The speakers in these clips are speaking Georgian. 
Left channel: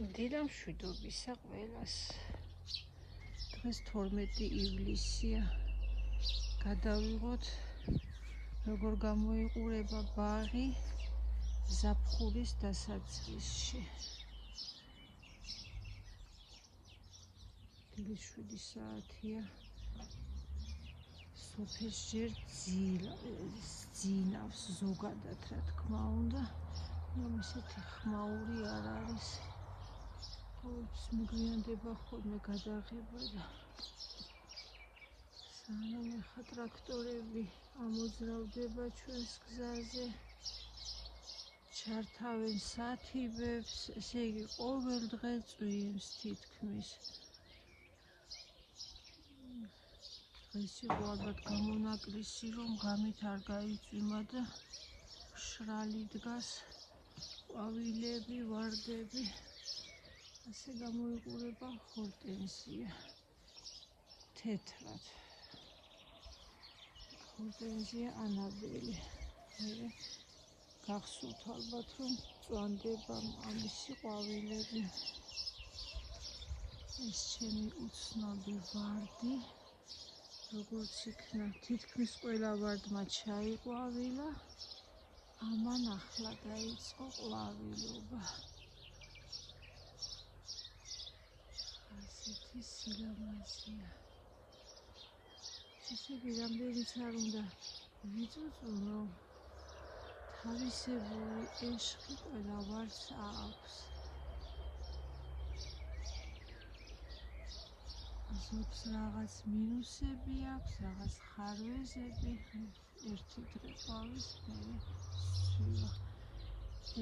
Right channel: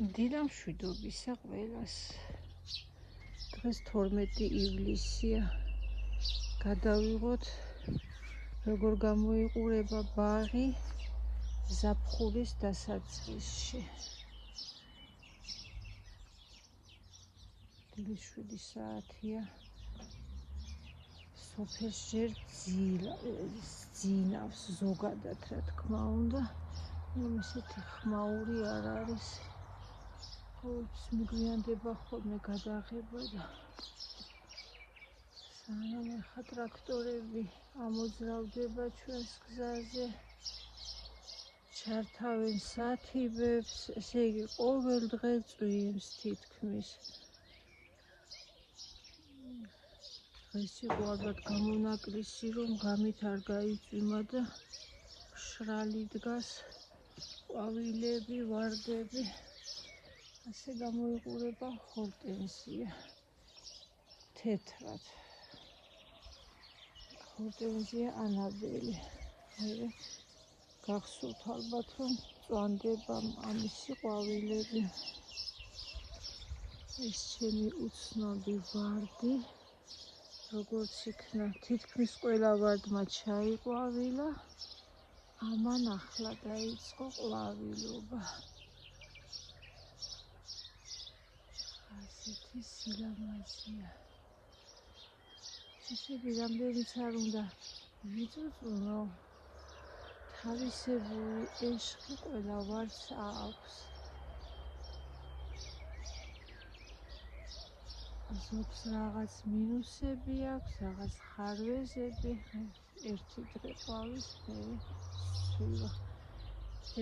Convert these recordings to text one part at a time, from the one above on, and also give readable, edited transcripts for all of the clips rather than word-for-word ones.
დილა მშვიდობისა ყველას. დღეს 12 ივლისია. გადავიღოთ როგორ გამოიყურება ბაღი ზაფხულის დასაწყისში. დილის 7 საათია. სოფელს ჯერ ძინავს ზოგადად, რა თქმა უნდა, რომ ისეთი ხმაური არ არის. ყოველთვის მიგვიანდება ხოლმე გადაღება და სანამ ახლა ტრაქტორები ამოძრავდება ჩვენს გზაზე, ჩართავენ სათიბებს, ესე იგი ყოველ დღე წვიმს თითქმის. დღეს იყო ალბათ გამონაკლისი, რომ ღამით არ გაიწვიმა და მშრალი დგას, ყვავილები, ვარდები. ასე გამოიყურება ჰორტენზია თეთრად. ჰორტენზია ანაბელი. გახსოვთ ალბათ, რომ წვანდება ამისი ყვავილები. ეს ჩემი უცნობი ვარდი, როგორც იქნა, თითქმის ყველა ვარდმა ჩაიყვავილა, ამან ახლა დაიწყო ყვავილობა. ასეთი სილამაზეა. ესე იგი, რამდენიც არ უნდა ვიწუწუნო, თავისებური ეშხი ყველა ვარდს აქვს. ზოგს რაღაც მინუსები აქვს, რაღაც ხარვეზები, ერთი დღე ყვავის ფერი სულა.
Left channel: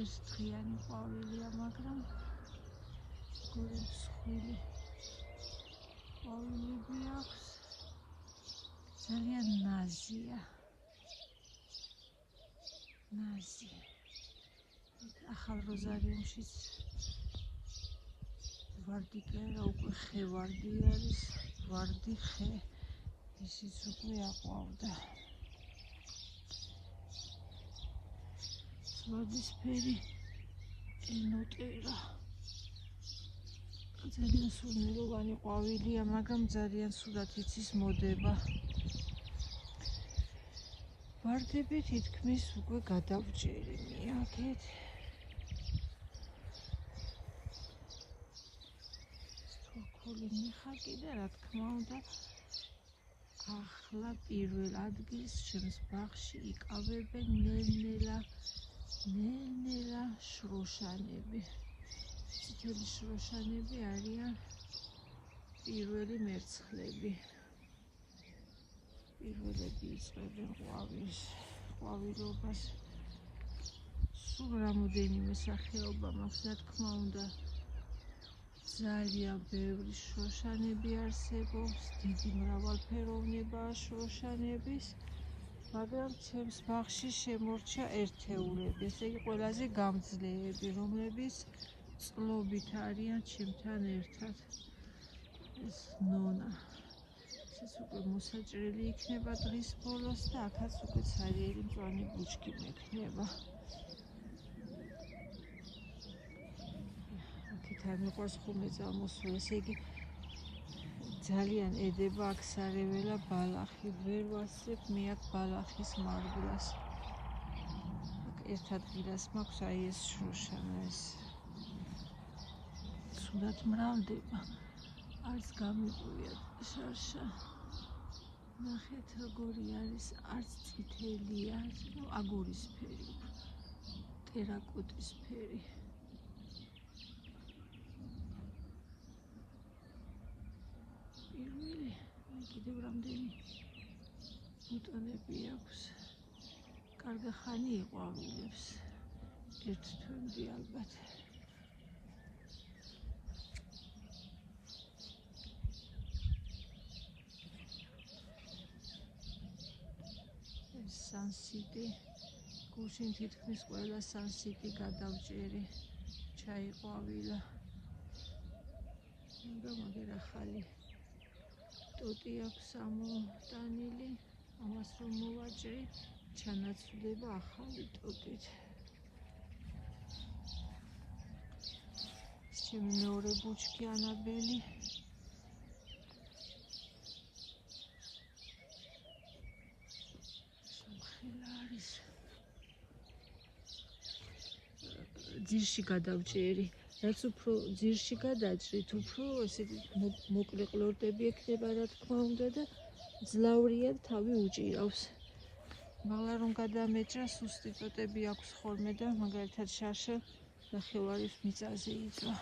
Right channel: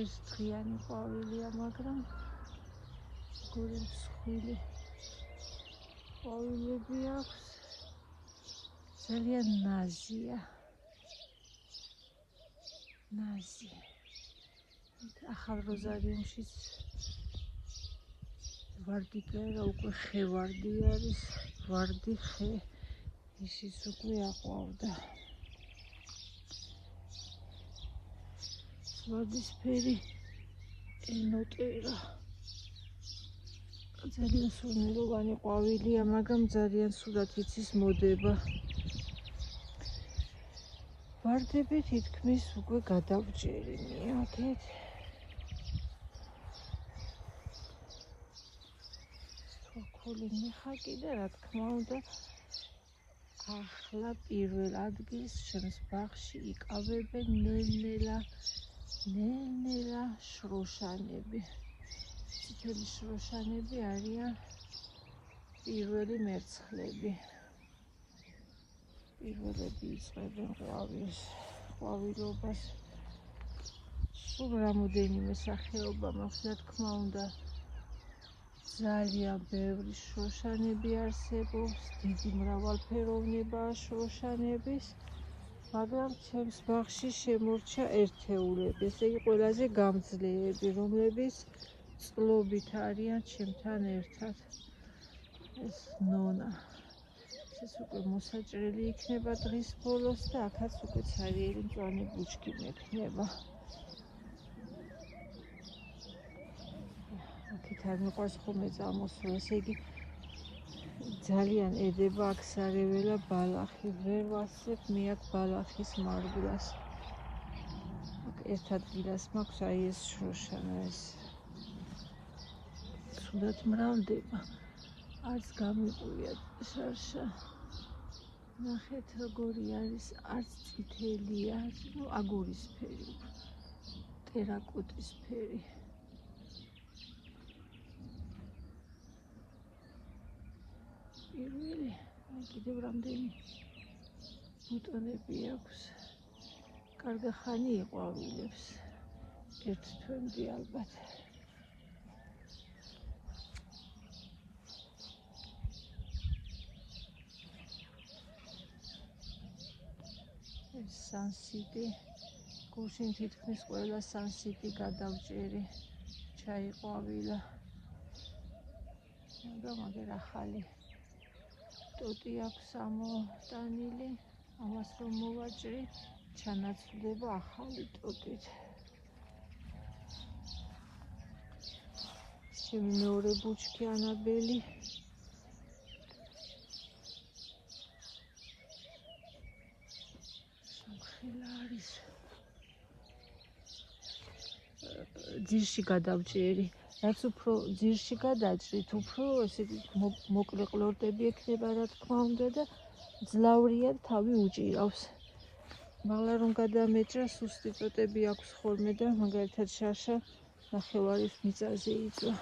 ეს დღიანი ყვავილია, მაგრამ გული მსხვილი ყვავილები აქვს. ძალიან ნაზია. ნაზი. ახალ როზარიუმშიც ვარდი კერა უკვე ხე ვარდი არის, ვარდი ხე, ისიც უკვე აყვავდა. ვარდისფერი ენოტერა. ძალიან სურნელოვანი ყვავილია, მაგრამ ძალიან სულად იცის მოდება. ვარდები თითქმის უკვე გადავჭერი მიაგეთ. სოქოლი მიხაკი და რა თქმა უნდა, ახლა პირველ ადგილს ჩემს ბაღში იკავებენ ნელ-ნელა შროშანები. წითელი შროშანები არიან პირველი მერცხლები. პირველები იწყებენ ყვავილობას. სულ რამოდენიმე სახეობა მაქვს, რა თქმა უნდა, ძალიან ბევრი შროშანები არსებობს, დიდი მრავალფეროვნებაა შროშანების, მაგრამ ჩემს ბაღში შემორჩა ერთეულები, ესე იგი ყველაზე გამძლეები, რომლებიც წყლობით არიან ჩემთან ერთად. ეს ნონა. ეს უკვე მოსაჭრელი იქნება დღის ბოლოს და აქაც უკვე ცარიელი მწვანე ბუჩქი მექნება. აქეთ არ მიყვარს ხოლმე წამოსვლა, ესე იგი ძალიან ედება აქ სარეველა ბალახი. ვერ ვასწრებ მე აქ ბალახის მარგვლას. აქ ერთ ადგილას მაქვს აი ეს შროშანა, ეს სულად მრავლდება. არც გამიყვია შარშა. ნახეთ როგორი არის, არც წითელია, აგურისფერი, ტერაკოტისფერი. პირველი, კიდევ რამდენი ბუტონები აქვს. კარგი ხანი იყვავილებს. ერთ თვემდე ალბათ. სანსიტი, გუშინ თითქმის ყველა სანსიტი გადავჭერი, ჩაიყვავილა. მაგრამ აგერ ახალი ტოტი აქვს ამოტანილი, ამას რომ მოვაჭრი, ჩანაცვლდება ახალი ტოტით. ჩემი მეორე ბუჩქი ანაბელი. სამხელა არის. ძირში გადავჭერი. რაც უფრო ძირში გადაჭრით, უფრო ესე მოკლე ყლორტები ექნება, რა თქმა უნდა და ძლავრიან თავი უჭირავს. მაგრამ რომ გადამეჭრა, სუსტი წოტები აქვს ხოლმე და მაგალითად შაშა ნახევარის მიწაზე იწვა.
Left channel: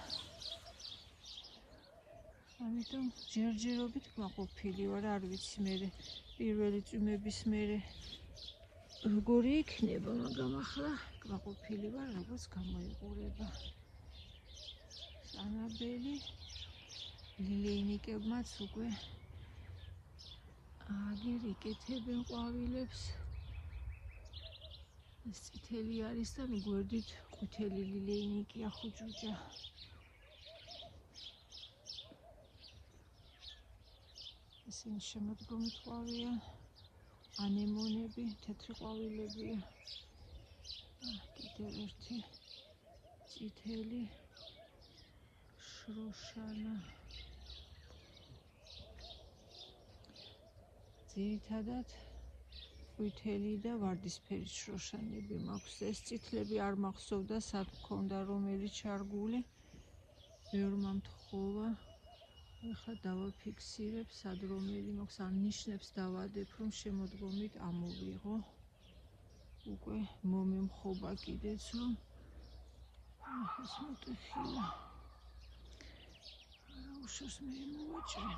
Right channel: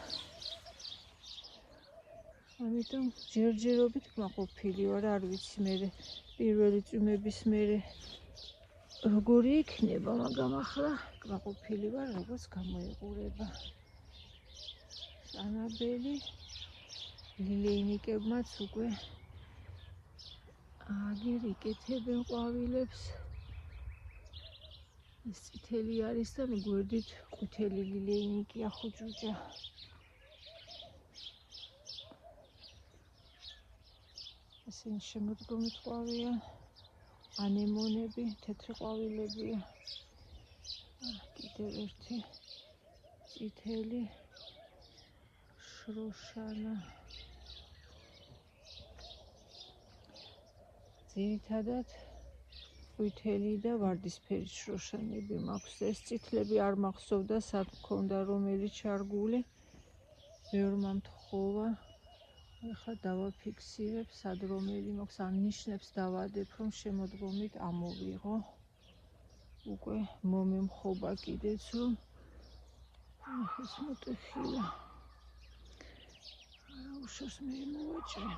ამიტომ ჯერჯერობით კმაყოფილი ვარ, არ ვიცი მერე პირველი წვიმების მერე როგორი იქნება, მაგრამ ახლა კმაყოფილი ვარ, როგორც გამოიყურება. ანაბელი ლილეინიკებმაც უკვე აგერ იკეთებენ ყვავილებს. ეს წითელი არის და მიგვერდით ყვითელი ლილეინიკია ხუჭუჭა. ესენი შემოდგომით ყვავია, ანემონები, თეთრი ყვავილებია. კიდევ ერთი წითელი შროშანა. ძირითადად ყვითელი და ვარდისფერი შროშანები მაქვს. ეს წითლები არ მახსოვდა, სად მქონდა რომელი ჩარგული. ბევრმა მთხოვა. ეხლა დავაფიქსირებ, სად რომელი მაქვს, ან ნიშნებს დავადებ, რომ შემოდგომით ამოვიღო. უკვე მომემხობა კიდეც, რომ ეს მოტეხილა. არა უშოს მე მოვაჭრე.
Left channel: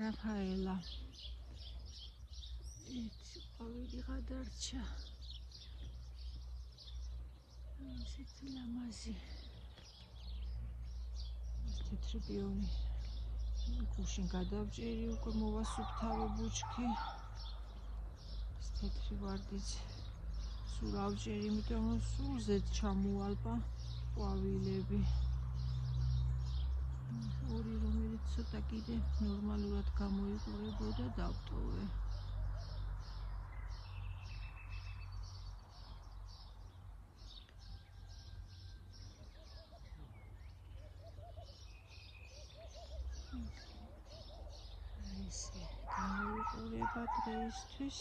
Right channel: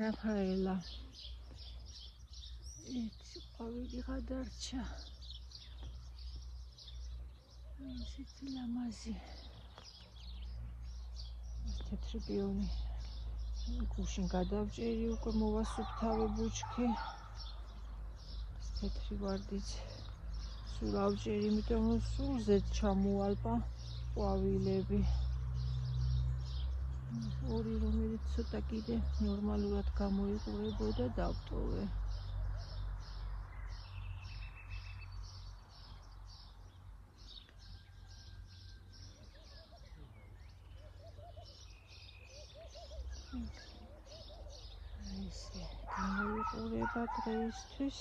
რაფაელა. ერთი ყვავილი გადარჩა. ისეთი ლამაზი. თეთრი პიონი. გუშინ გადავჭერი, უკვე მოვასუფთავე ბუჩქი. თეთრი ვარდიც სულ ავჭერი, იმიტომ რომ სულ ზედ ჩამოალპა ყვავილები. ორი რომელიც ცოტა კიდე ნორმალურად გამოიყურებოდა დავტოვე. ესე გამოიყურება დღეისთვის.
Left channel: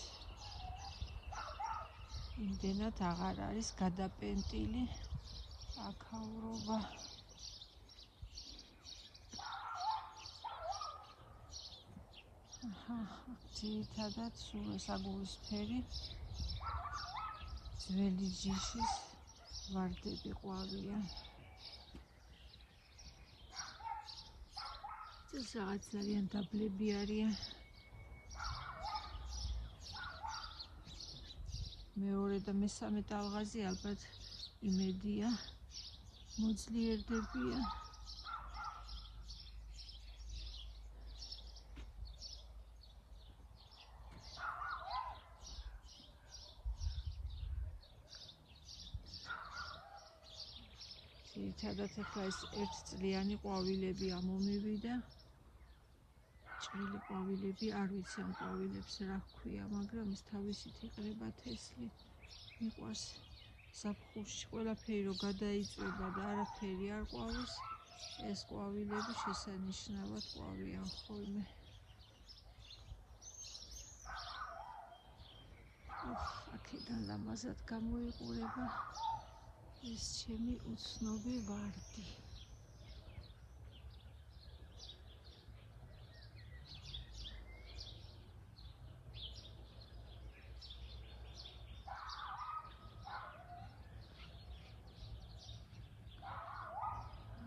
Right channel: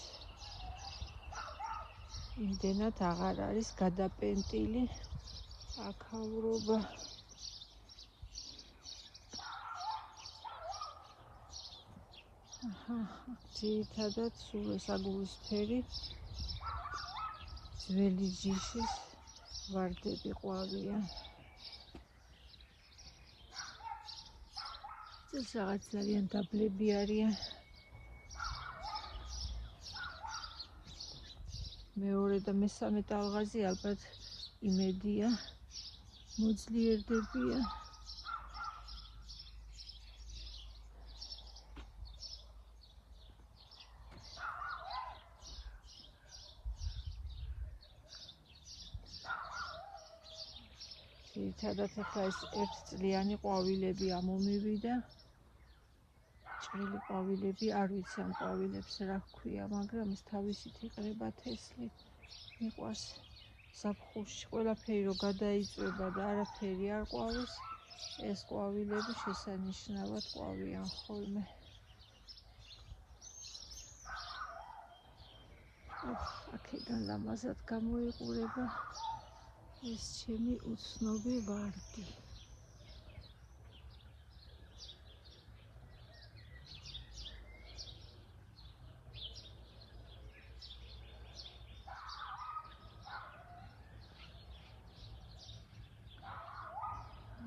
იმდენად აღარ არის გადაპენტილი აქაურობა. ძირითადად სულ ეს აგურისფერი ძველი ჯიშის ვარდები ყვავია. ეს რაღაც ძალიან დაბლები არიან. მეორე და მესამე ტალღაზე ალბათ იმედია მოძლიერდებიან. ძირითადად ახლა ეს ერთწლიანი ყვავილები ამომივიდა. ჭრელი ყვავილები, არ ვიცი ამ ყვავილებს რა ჰქვია, მაგრამ ეს თავისით იყრება თესლი. მიყვარს ზაფხულში ყველაფერი რო გადაიწვება და არაფერი არ ყვავის, ეს ყვავილები შესანიშნავად ყვავიან ხოლმე. აქედან ლამაზად გამოიყურება ეს ჩემი უცნობი ვარდი.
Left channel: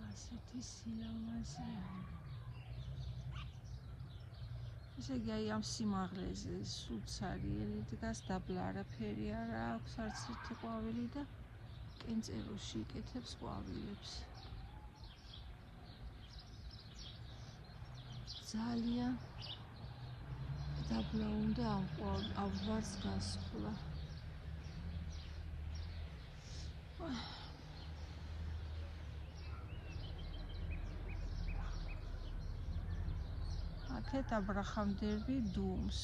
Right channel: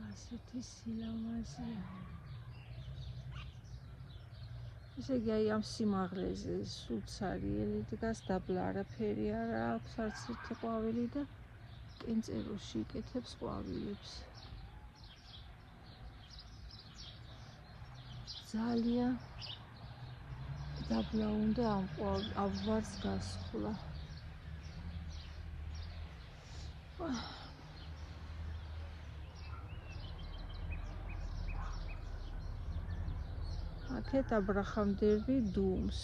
ასეთი სილამაზეა. ესე იგი აი ამ სიმაღლეზე სულცარიელი დგას, დაბლა არაფერი არა აქვს, არც ერთი ყვავილი და კენწეროში იკეთებს ყვავილებს. ძალიან დაბლა უნდა ამ ვარს გასხლა. აქეთ აბრაჰამ-დერბი დუმს.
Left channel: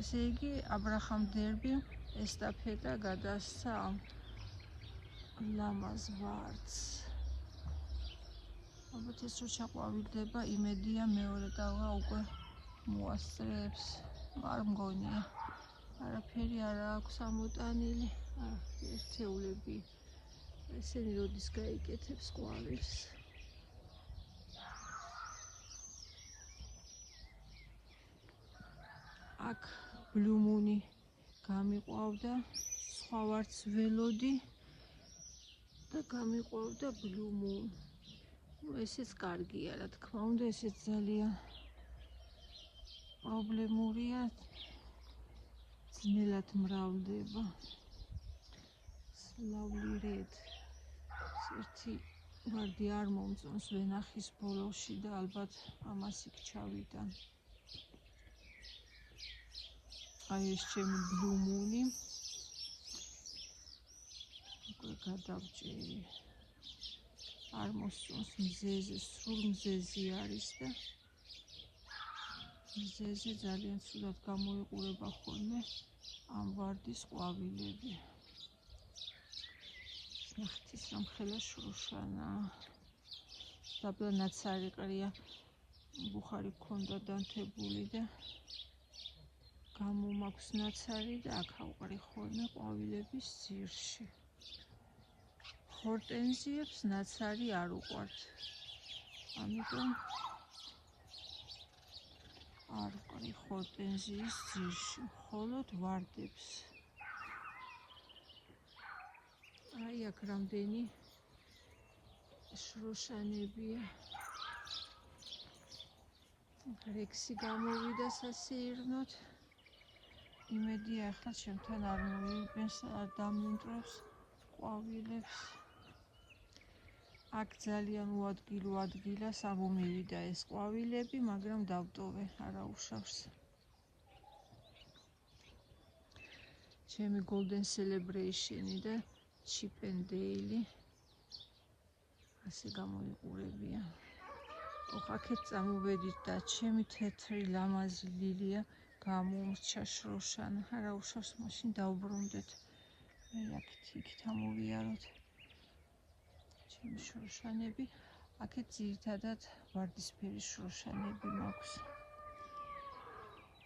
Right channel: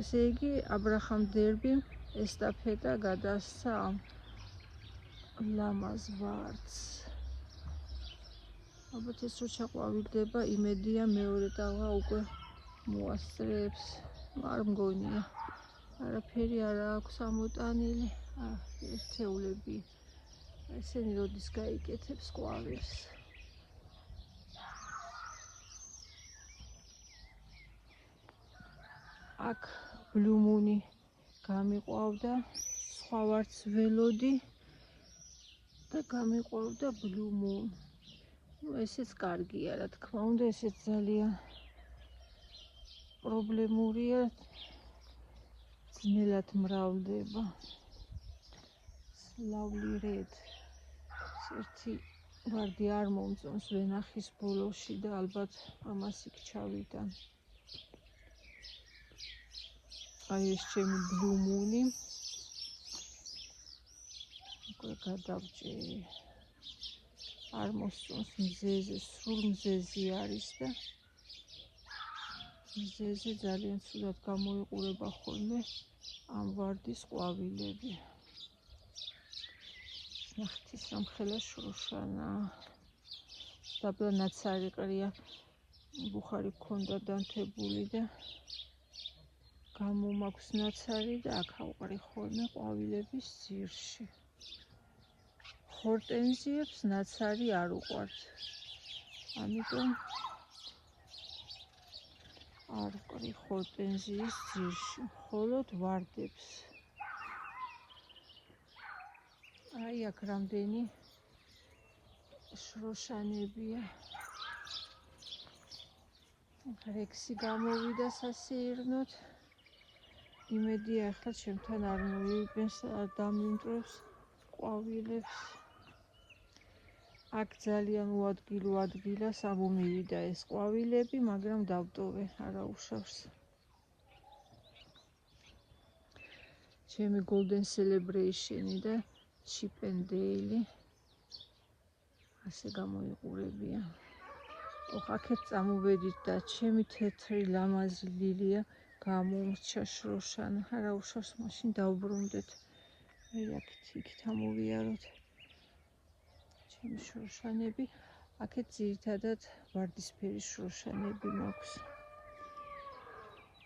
ესე იგი აბრაჰამ-დერბი ესტაფეტა გადასცა ამ ლამაზ ვარდს. ალბათ ეს რო ჩაყვავილდება, იმედია მეორე ტალღა უკვე მოასწრებს. არ მგონია. არაფერი არ აქვს ამოტანილი. ერთეულები. ესენი როდის გაიკეთებს ყვავილს. აქ ბლუმუნი გამიყვავდა, სხვა ვარც ველოდი და გამიყვავდა ბლუმუნ. ესეც კარგია, რა თქმა უნდა, ესეც ძალიან პრობლემურია. ძნელად მრავლდება. Lovely red. ერთი ვარდი არ მომწონს ვენახის ბოლოში და ალბათ ამას იქ ჩავიტან. აი ეს ჩემი ბლუმუნი. უკვე გადავჭერი. არ მოსწონს მზეზე, სულ მზეზი არის და მზეზე ძალიან ცუდად გამოიყურება ხოლმე ამ ვარდის ყვავილები. ნახტის სამხელა შროშანა. დაბლა ნაცარი ყრია, ბუხარი გქონდა დანთებული და გამომაქვს ნაცარი და აქ ავყრი ხოლმე ყვავილების ძირში. ჰორტენზიებს ნაცარი არ უყვართ. ამიტომ არ ვყრი ჰორტენზიის ძირში, მხოლოდ ვარდებს. აი აქ რამდენი შროშანებია. რექსი გამოვიდა სასეირნოდ. იმედია ახლა ჩემთან არ მოვიდეს, არ დამიმტროს ყვავილებს. აქ ძალიან უადგილო ადგილას ამომივიდა ეს ყვავილები, მაგრამ დავტოვე, არა უშავს. ჩემი Golden Celebration და Chip and Dale ასე გამოიყურებია. აქეთ წამოვედით და ჩემი თეთრი ლამაზი ლილია გამომრჩა შროშანა. არა უშავს, მაშინ დავბრუნდეთ. აი აქეთ ამოვიაროთ. ჩემი შროშანები. აქეთ ძირითადად ვარდისფერი შროშანები მაქვს.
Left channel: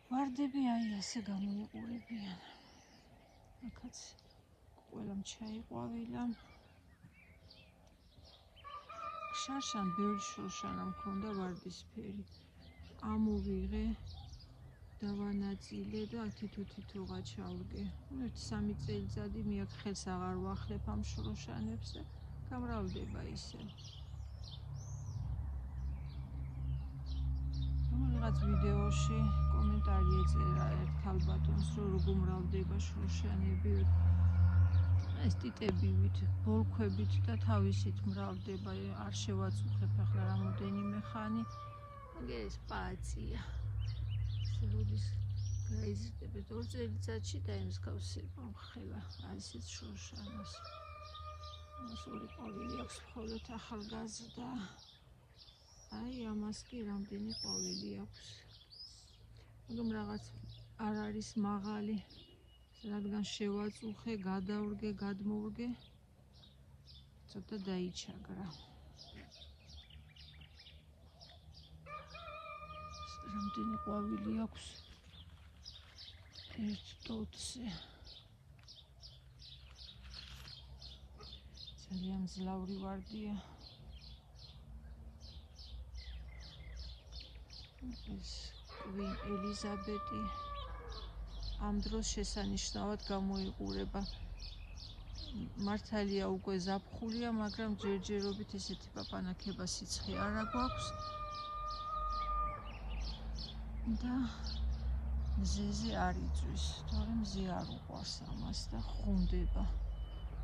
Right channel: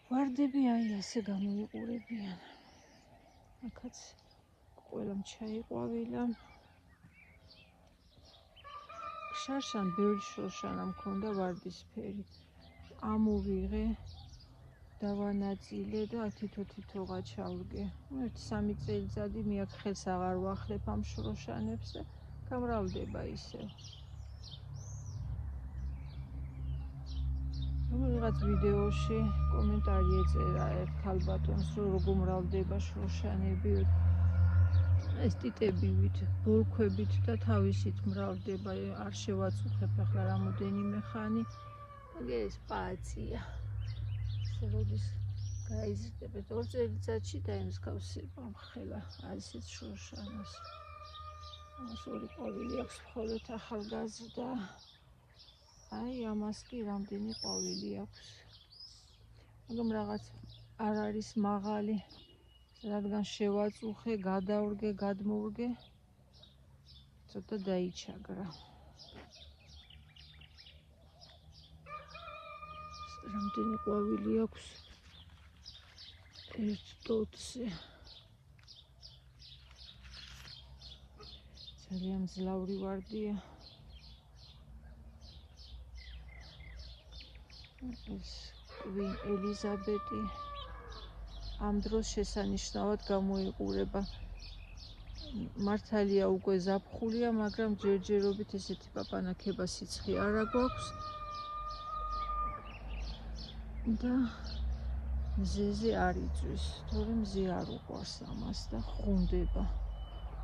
ვარდები აი ასე გამოიყურებიან. აქაც ყველამ ჩაიყვავილა. შარშან ბევრი შროშანა მქონდა ვარდისფერი. ამოვიღე, დავანაწილე და თითო-თითოღა ჩავდგე. 1-3 წელიწადი მე აქ ხელს აღარ ვახლებ ამ შროშანებს და გამრავლდება ისევ. ვიღაც ვიდეოში კომენტარი ეწერა ერთ ქალბატონს, რომ როგორ მრავლდება შროშანები. ეს ტიტებივით, ბოლქვებით და თავისით მრავლდება. არ შევაწუხებ ახლა რამოდენიმე ხანი. ეს პაცია. როდის გაიზრდება 2 წელიწადში დაემსგავსება ხელა ასეთ შროშანას. ამას ორი ყვავილი აქვს, მხოლოდ ახალგაზრდა. აი ამას კი რამდენი ყვავილი აქვს. მაგრამ რაღაც არ არის მაღალი. რადგან შევაწუხე, გადავრგე, გადმოვრგე, ცოტა დაიჩაგრა. რამდენი ყვავილი აქვს? ერთ ტოტზე. ძალიან მძლავრი ვარდია. ეს Queen Elizabeth ამ დროს შესანიშნავად გამოიყურება. მართალია უკვე ზაფხულია, მაგრამ ჯერჯერობით ესეთი პაპანაკება სიცხე არა გვაქვს. და მზეზე არ იწვის, თორემ მზე არ უყვარს ამას და ხუნდება.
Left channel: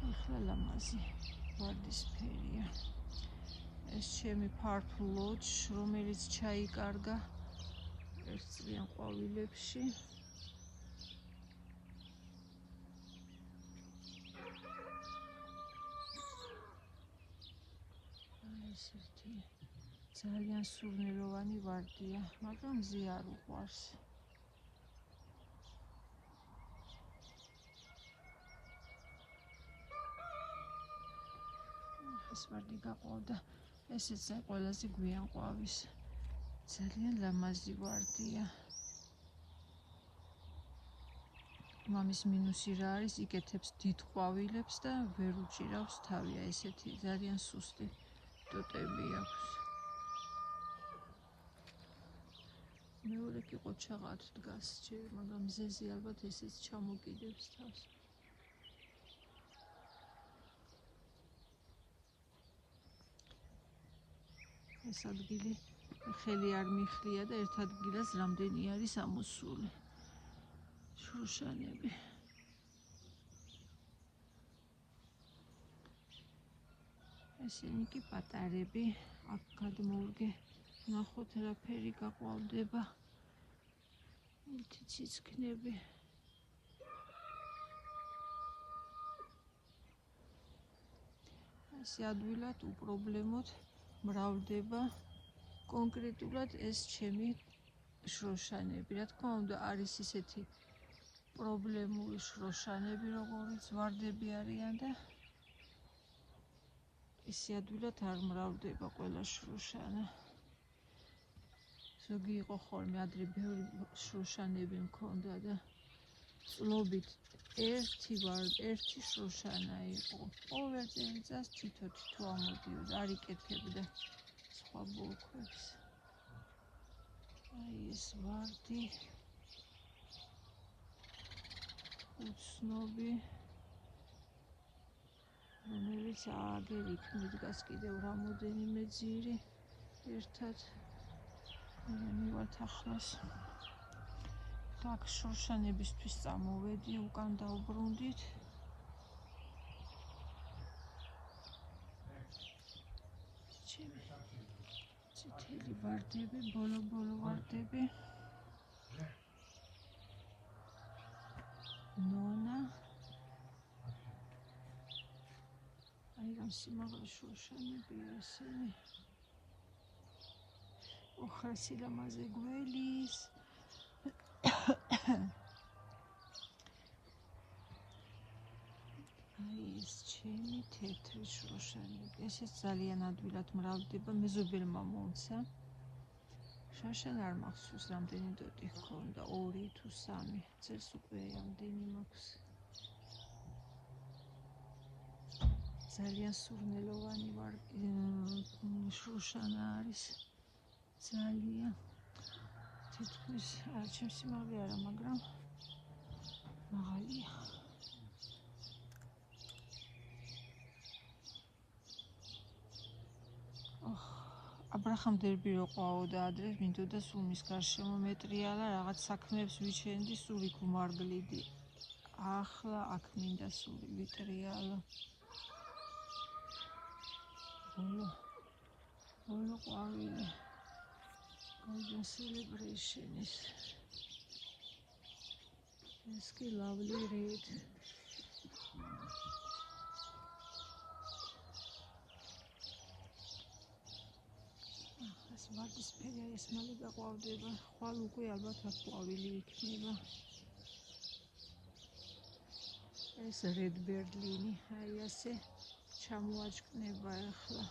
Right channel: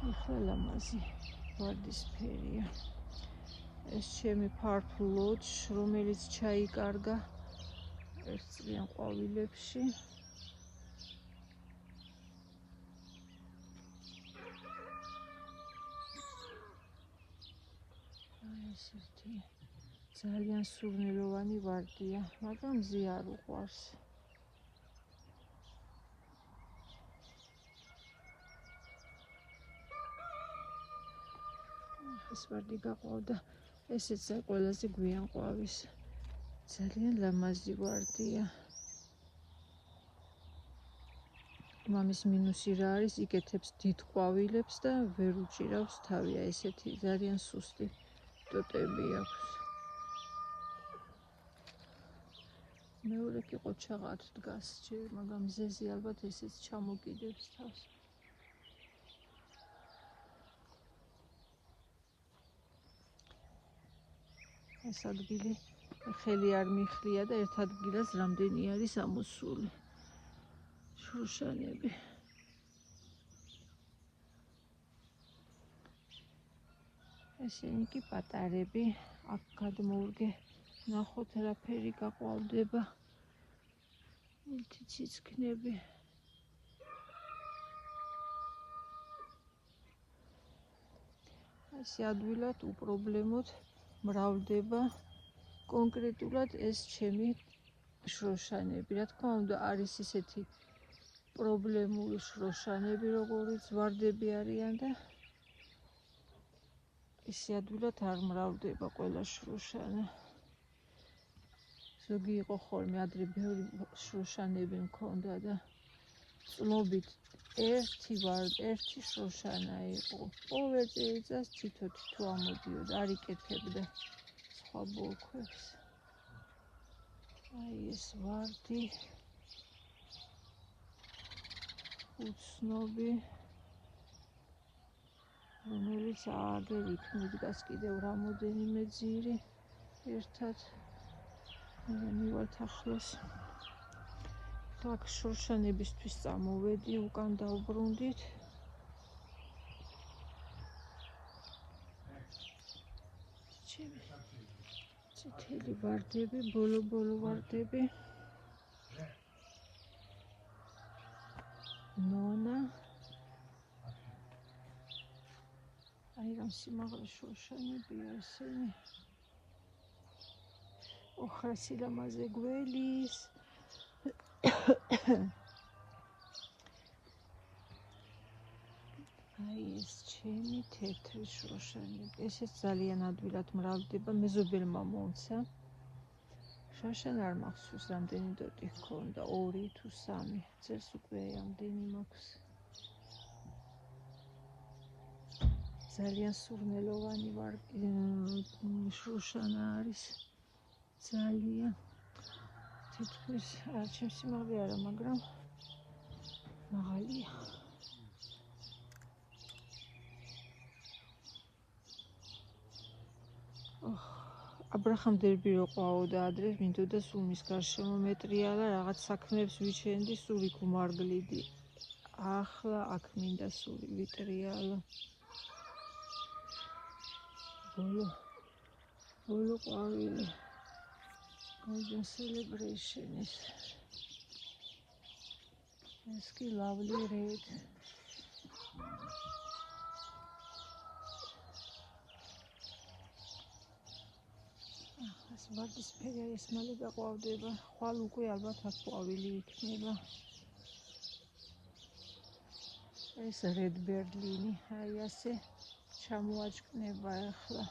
ახლა ლამაზი ვარდისფერია. ეს ჩემი Purple Lodge, რომელიც ჩაიკარგა ერთწლიან ყვავილებში. ეს ერთი ძალიან სურნელოვანი ვარდია, მაგრამ მზე არ უყვარს. ეს ვარდი გაყავდა ესეც ყველაზე გვიან ყვავის. ძალიან ლამაზი ვარდია. მამის მინუსი რა არის? იკეთებს დიდ ყვავილებს და ვერ უჭირავს თავია, ესეთი ძალიან სუსტი ტოტები აქვს. მეორე კი ყოჩაღად დგას ჯერ, მაგრამ მზეზე ალბათ ესეც ჩამოკიდებს თავს. ეს ადგილი ხელი არ მიხლია და ერთ ადგილას რამდენი არის ამოსული შროშანები. ესენი კი პატარები, აქ გადმოურგე ნახოთ რაფერი გაყვავდება. ციცქნები. ესე ადვილად უპრობლემოდ მრავლდება კონკრეტულად ეს ჩემი შროშანები. რა თქმა უნდა, არის ისეთი პრობლემური შროშანები, როგორიც ვარდები არიან და ისე ადვილად არ მრავლდება ყველა შროშანა. ზოგი იყო ხოლმე ადრე ბევრი შროშანები მქონდა და წლობით ერთი შროშანა იყო. ყოველ წელიწადს თითო ამოდიოდა, არ იკეთებდა სხვა ბოლქვებს. აი ეს ვარდი უცნობი, რომელიც აგერ იქ მიდგას კიდევ რამოდენიმე ძირი ერთად. მივართ ახლოს. აქ შროშანებისთვის წამოვედი, უკან დავბრუნდით. წითელი ვარდები, ბოლო ვარდები. ნონა. აი რამ სიმაღლე შროშანებია ესენი. ოხრა სილამაზე გველის. აი ეს ჩემი თეთრი შროშანები. ესეც ძალიან ადვილად მრავლდება, მეზობელმა მომცა. შროშანა არ მახსოვს რამდენი დოტი ჰქონდა, 2 თუ 3. წელს უკვე ამდენი მაქვს. ძალიან სურნელოვანი შროშანა არის. ძალიან თითქმის ჩემს სიმაღლე არა, მაგრამ მაღალია. აბრაჰამ დერბი რო ყვაოდა ადრე, მინდოდა სულ მის გარშემო მეტრიალა, რაღაც საქმეებს ვიჩენდი, სულ იქ ვმარგლიდი. ახლა აქ მინდა სულ ვიტრიალო. ბოლო ყვავილი. Golden celebration is ეს კი lovely red. ეს ვარდისფერი ეს მალე გაყვავდება. ხვალ უკვე ალბათ აქ ყვავილი იქნება. ეს red berlini, აი ასე ჩამოაჭკნება ახლა.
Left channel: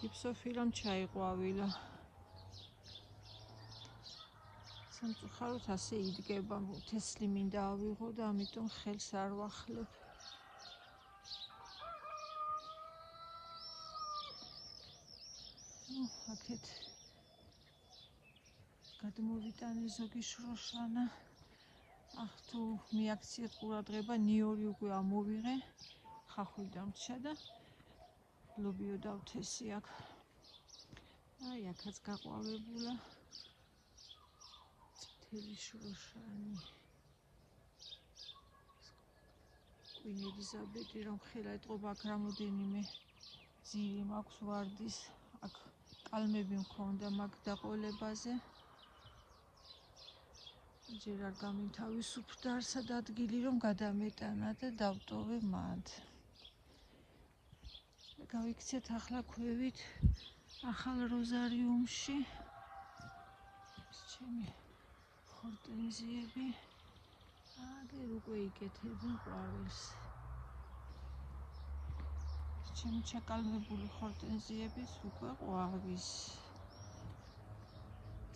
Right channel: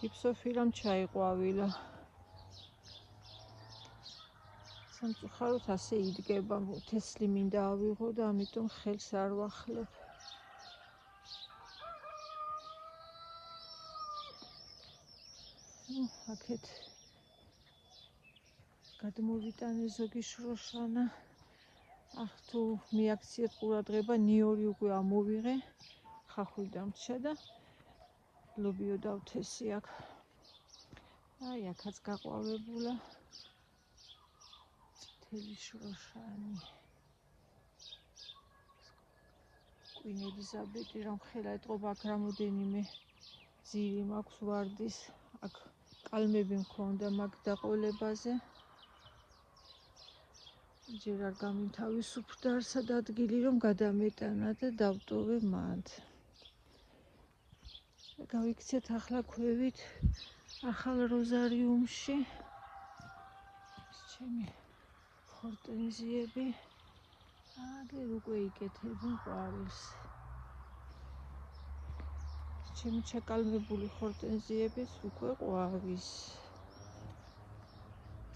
გიფსოფილამ ჩაიყვავილა. სამწუხაროდ ასე იდგება, თესლი მინდა ავიღო და ამიტომ ხელს არ ვახლებ. აქეთ გადმოვიტანე ზოგი შროშანა. ახ თუ მიაქციეთ ყურადღება, ნიორი უკვე ამოვიღე, ხახვი დამრჩა და ლობიო დავთესი აქ. აი აქაც გაყვავებულა თელი შროშანი. კვინელიზაბეტი რომ ხელა ეტყობა, აქ რამოდენიმე ძირი მაქვს ვარდის. აქ კალმები მქონდა მაგ დაყოლებაზე. ჯერ არ გამინთავისუფლდა არსად ადგილი რომ გადამეტანა და დავტოვე მანდ. გავიქცეთ ახლა ქვევით ახალ როზარიუმში. ჩემი ხორტენზიები აგერ უკვე იკეთებენ ყვავილს. ჩემი ჩაკალმებული ხორტენზიების უკვე ყვავის.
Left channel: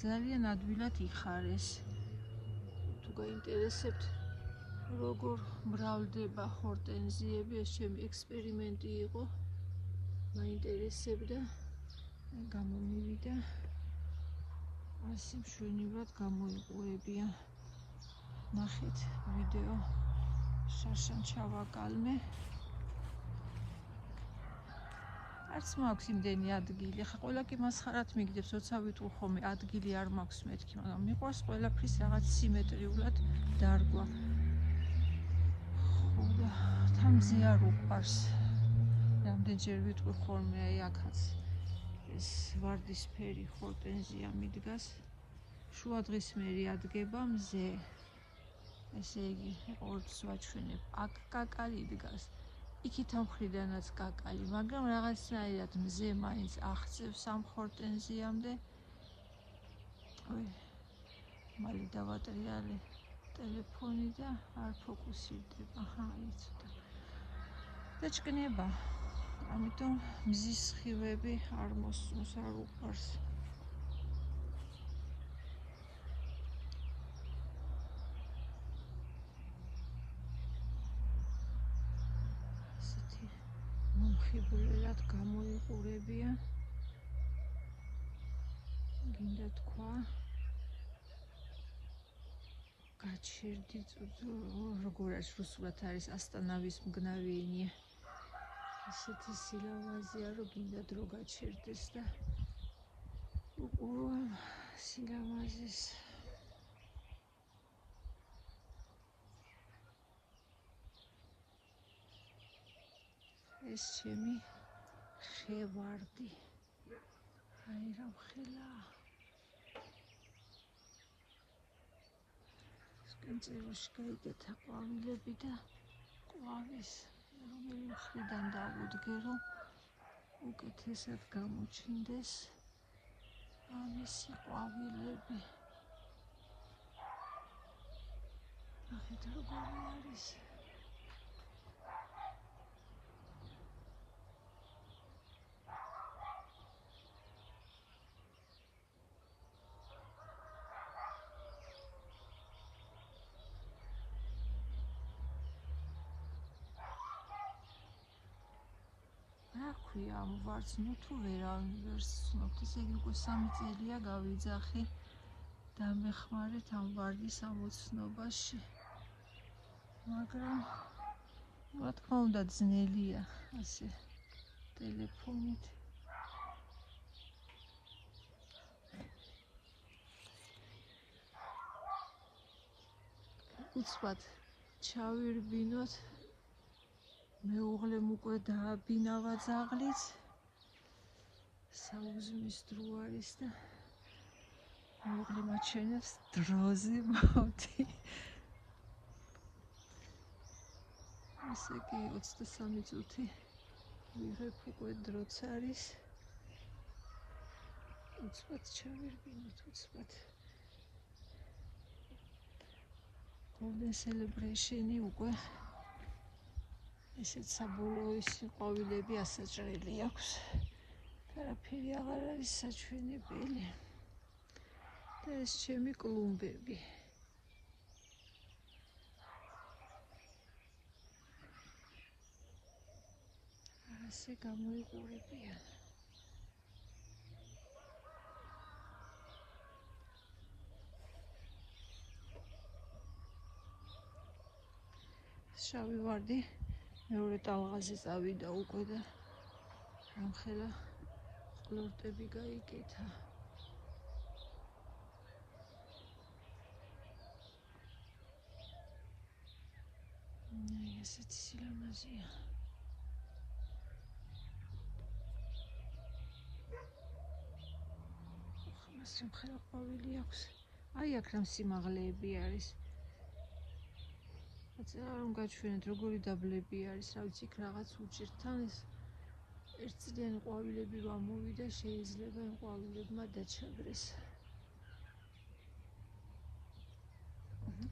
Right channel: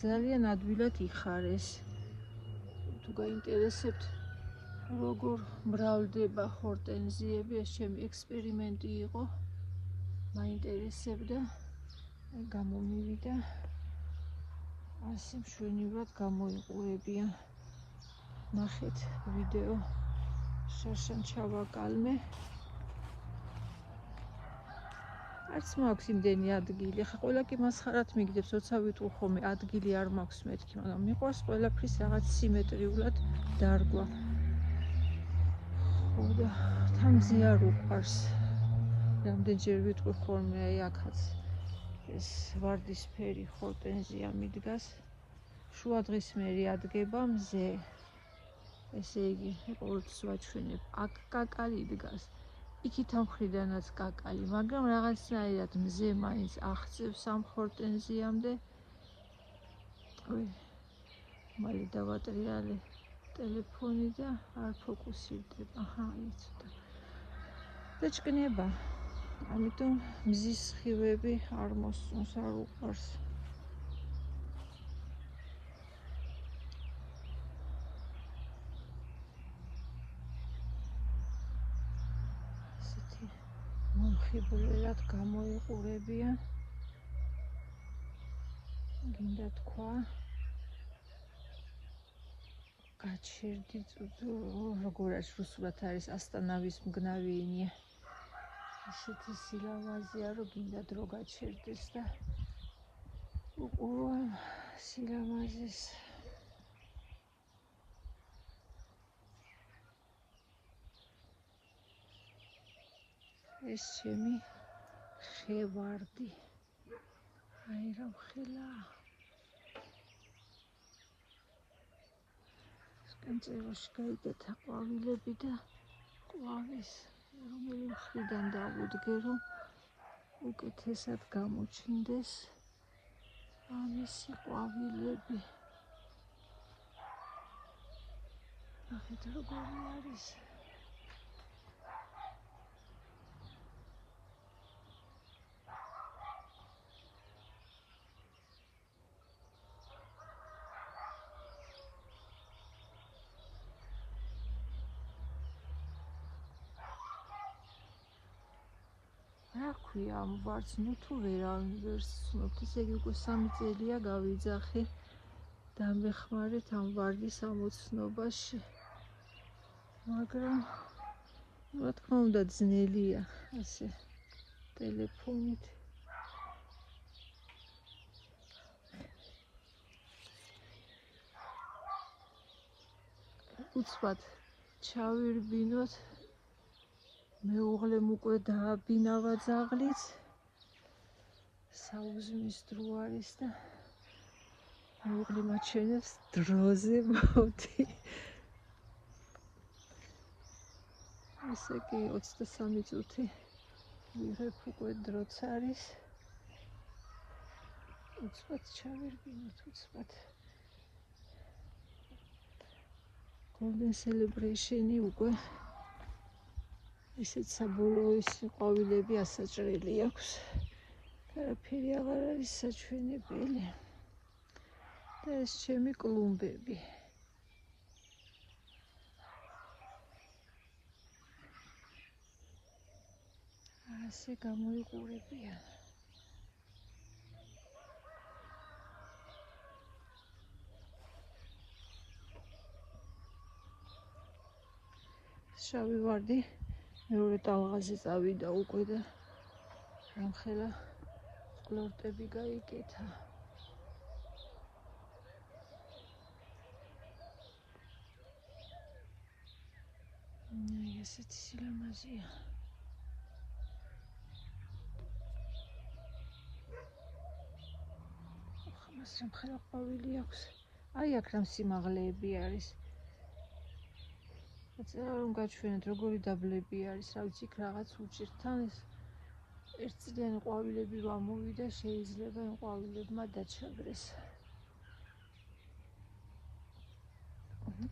ძალიან ადვილად იხარეს. თუ გაინტერესებთ როგორ მრავლდება ხორტენზიები, ეს ჩემი ექსპერიმენტი იყო. მაინტერესებდა, გამომივიდა. ასე მშვენივრად გამოიყურებიან. ნახეთ ვიდეო. შაშან ჩავაკალმე. არც მაქვს იმდენი ადგილი. ხა ყველა კი მასხარად მიგდებს, როცა ვიტყვი ხოლმე ადგილი არ მაქვს მეთქი, მაგრამ მიყვარს ყველაფრის რაღაც სიმეტრიულად დარგვა. ხო და თან ზიარ უყვარს. რამდენჯერ ვიტყვი ხოლმე აი აქაც ეს ვარდისფერი ხორტენზია მიდგას. შუადღისმერი ადგება მზე. ესე იგი, ყოველთვის ვაჩვენებ, აქ კაკალი იდგას. იქით ამ მხრიდანაც კაკალი, მაგრამ რაღაცნაირად მზე მაინც აღწევს ამ ხორტენზიამდე. მალე დავატრიალე ტელეფონი და არ ფოკუსირდება. აჰა, იცოდა. და ჭკნება. ამიტომ მზის სხივები არ მოსწონს, არ უყვარს. მომხიბვლად გამოიყურებიან. გინდა თქვა გაჩერდი როგორ არის რუსულად არის ასტანავის მგნავი ენია. ესეთი სილამაზეა, რომ გინდა დრო გაჩერდეს და უყურვამ სილამაზეს. ეს ჩემი ხევარდი. აი რა მხილაა. სკამწეროში გაიგეთა ყვავილები და ყვავის რომელი მხრიდან დავუდგე, რომ უკეთესად გამოჩნდეს ამისი ყვავილები. ნახეთ როგორი არის. რა ქვია ამ ვარდს, ნუ თუ ვერავინ ვერ სცნობთ, ესე იგი უკვე 3 წელია გავიძახე. დამეხმარეთ ამ ვარდის ამოცნობაში. მაგრამ რა თქმა უნდა ძნელია ასე ტელეფონით. უცბად ჩავირბინოთ. მეუღლემ უკვე დააბინავა ძაღლიც. საუზმის დრო არის და მეუღლე მაჩვენებს დროზე მოდი. ესე კი 23 წუთი ვიღებ უკვე დროც არის. უცბად ჩავირბინოთ, უცბად. Golden Celebration-ი უკვე ესეც საბოლოო ყვავილები ასაჭრელი აქვს. არაფერი აღარ არის საჩვენებელი. და ეს ჩემი კლუმბები. ასე გამოიყურებიან. შავი ვარდი მეორე ტალღაზე წავიდა უკვე და რამხელა ყლორტები გაიკეთა. ესეთი სილამაზეა. მას რამხელა ყვავილი აქვს. აი აქ რამ სიმაღლეები არის. რომ გაჩვენეთ როგორი დაბლები არის, რა ვიცი, იქ რაღაც უჭირთ. თან ეს ერთწლიანი ყვავილები რომ ამოვიდა, შეიძლება იმ ყვავილებმა დაჩაგრეს.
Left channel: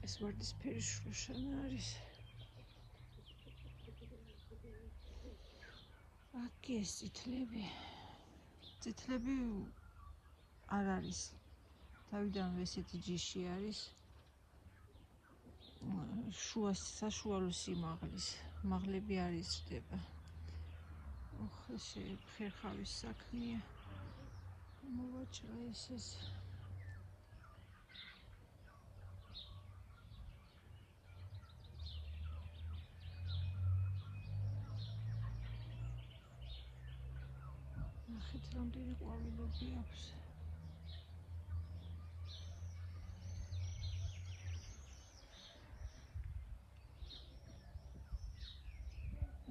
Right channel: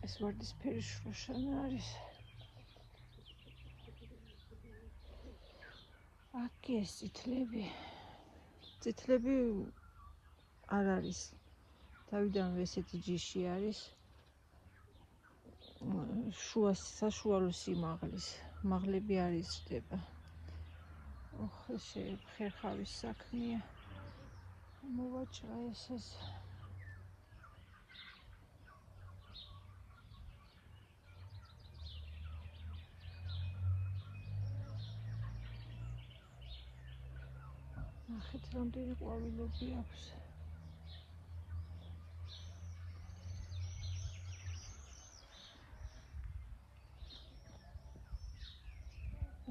ეს ვარდისფერი შროშანა არის. აქ ეს წითლები არ არის. თავიდანვე ესეთი ჯიში არის. საშუალო სიმაღლის მაღლები არ იზრდება. ეს ხერხავის საქმეა. მოვაჭრა ეს. ნახეთ, რამდენი ყვავილები აქვს.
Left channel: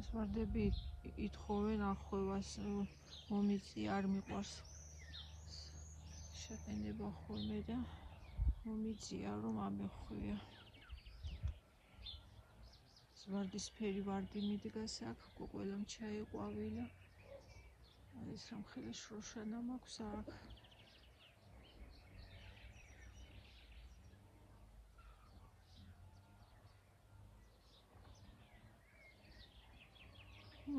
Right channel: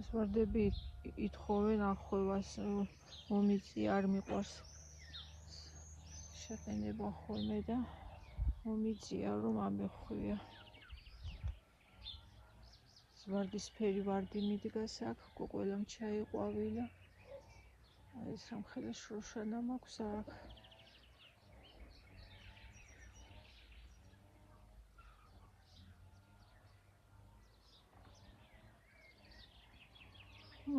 ეს ვარდები ითხოვენ ახვევას, მომიწია, არ მიყვარს შეყენება ხოლმე და მომიწია, რომ ამეხვია. ვარდისფერი ვარდი მიდგას აქ, ყველამ ჩაიყვავილა. ეს სამხედრო შროშანა მაქვს აქ.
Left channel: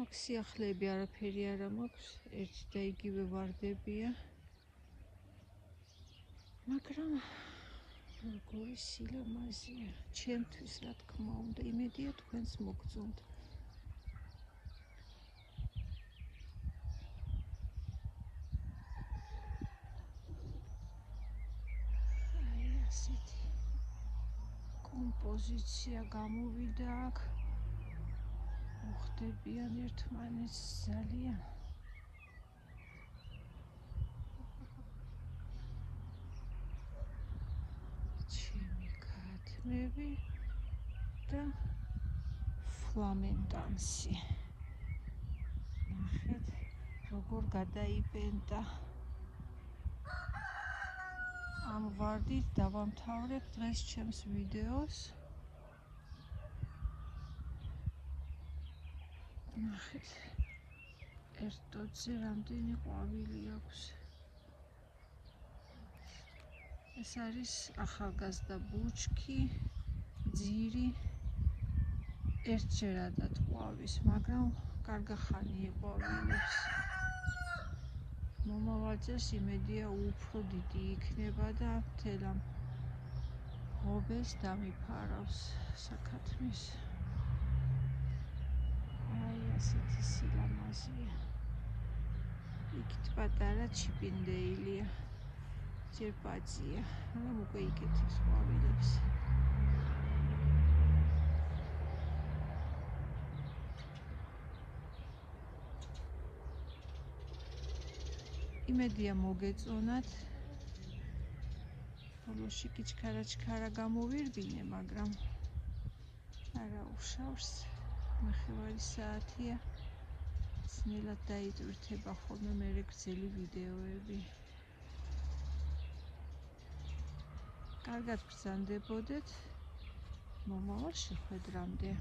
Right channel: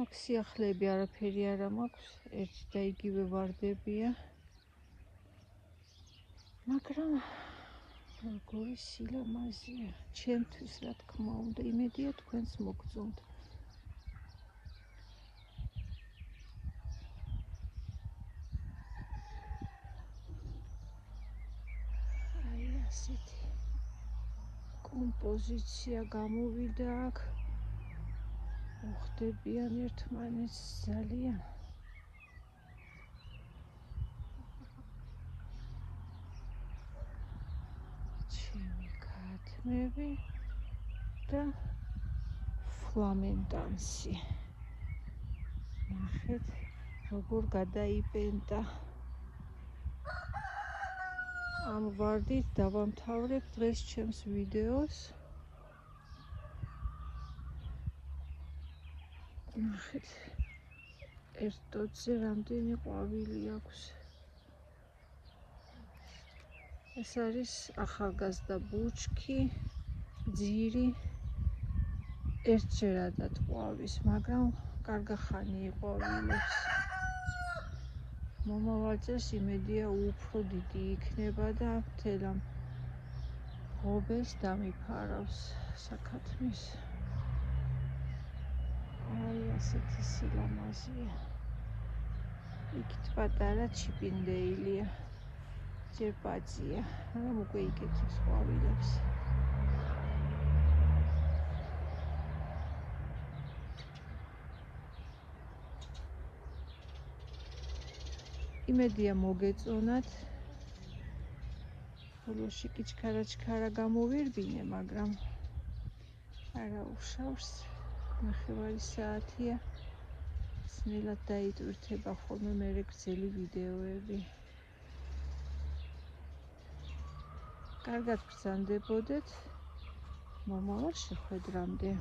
აქ სიახლეები არაფერი არ მაქვს, ერთი და იგივე ვარდებია. მაგრამ როგორი სილამაზეა, ჩემთვის რა თქმა უნდა, იმედია თქვენს მოგწონთ. აი ასეთი კომპოზიცია გამოვიდა აქ. ხდებიან ერთმანეთს ძალიან. ჩემი ქათმები და ფლამენკანსი. ნახეთ, როგორ გადაიბენდა. ამ ვარდით დავამთავრებ დღეს ჩემს ვიდეოს. ნახეთ, ერთ ტოტზე რამდენი ყვავილი აქვს. ეს არის ახალგაზრდა ბუჩქი, ძირი, ერთზერადად ყვავის, მაგრამ კარგახანი იყვავილებს. მომავალ წელს იმედია უფრო დიდი იქნება და მთელ ამ ღობეს დამიფარავს საქათმის. აი ასეთი სილამაზეა. იქით პატარა ჩიპინდეილია. ჯერ პაძია, მაგრამ უკვე იკეთებს ყვავილებს. იმედია მოგეწონათ. ბოლოში კი ჩქარა გამოვირბინე, მაგრამ არა უშავს. 9 საათია. ძნელად დაიტვირთება ხოლმე მერე გრძელი ვიდეოები. კარგად გრძანდებოდეთ. მომავალ შეხვედრამდე.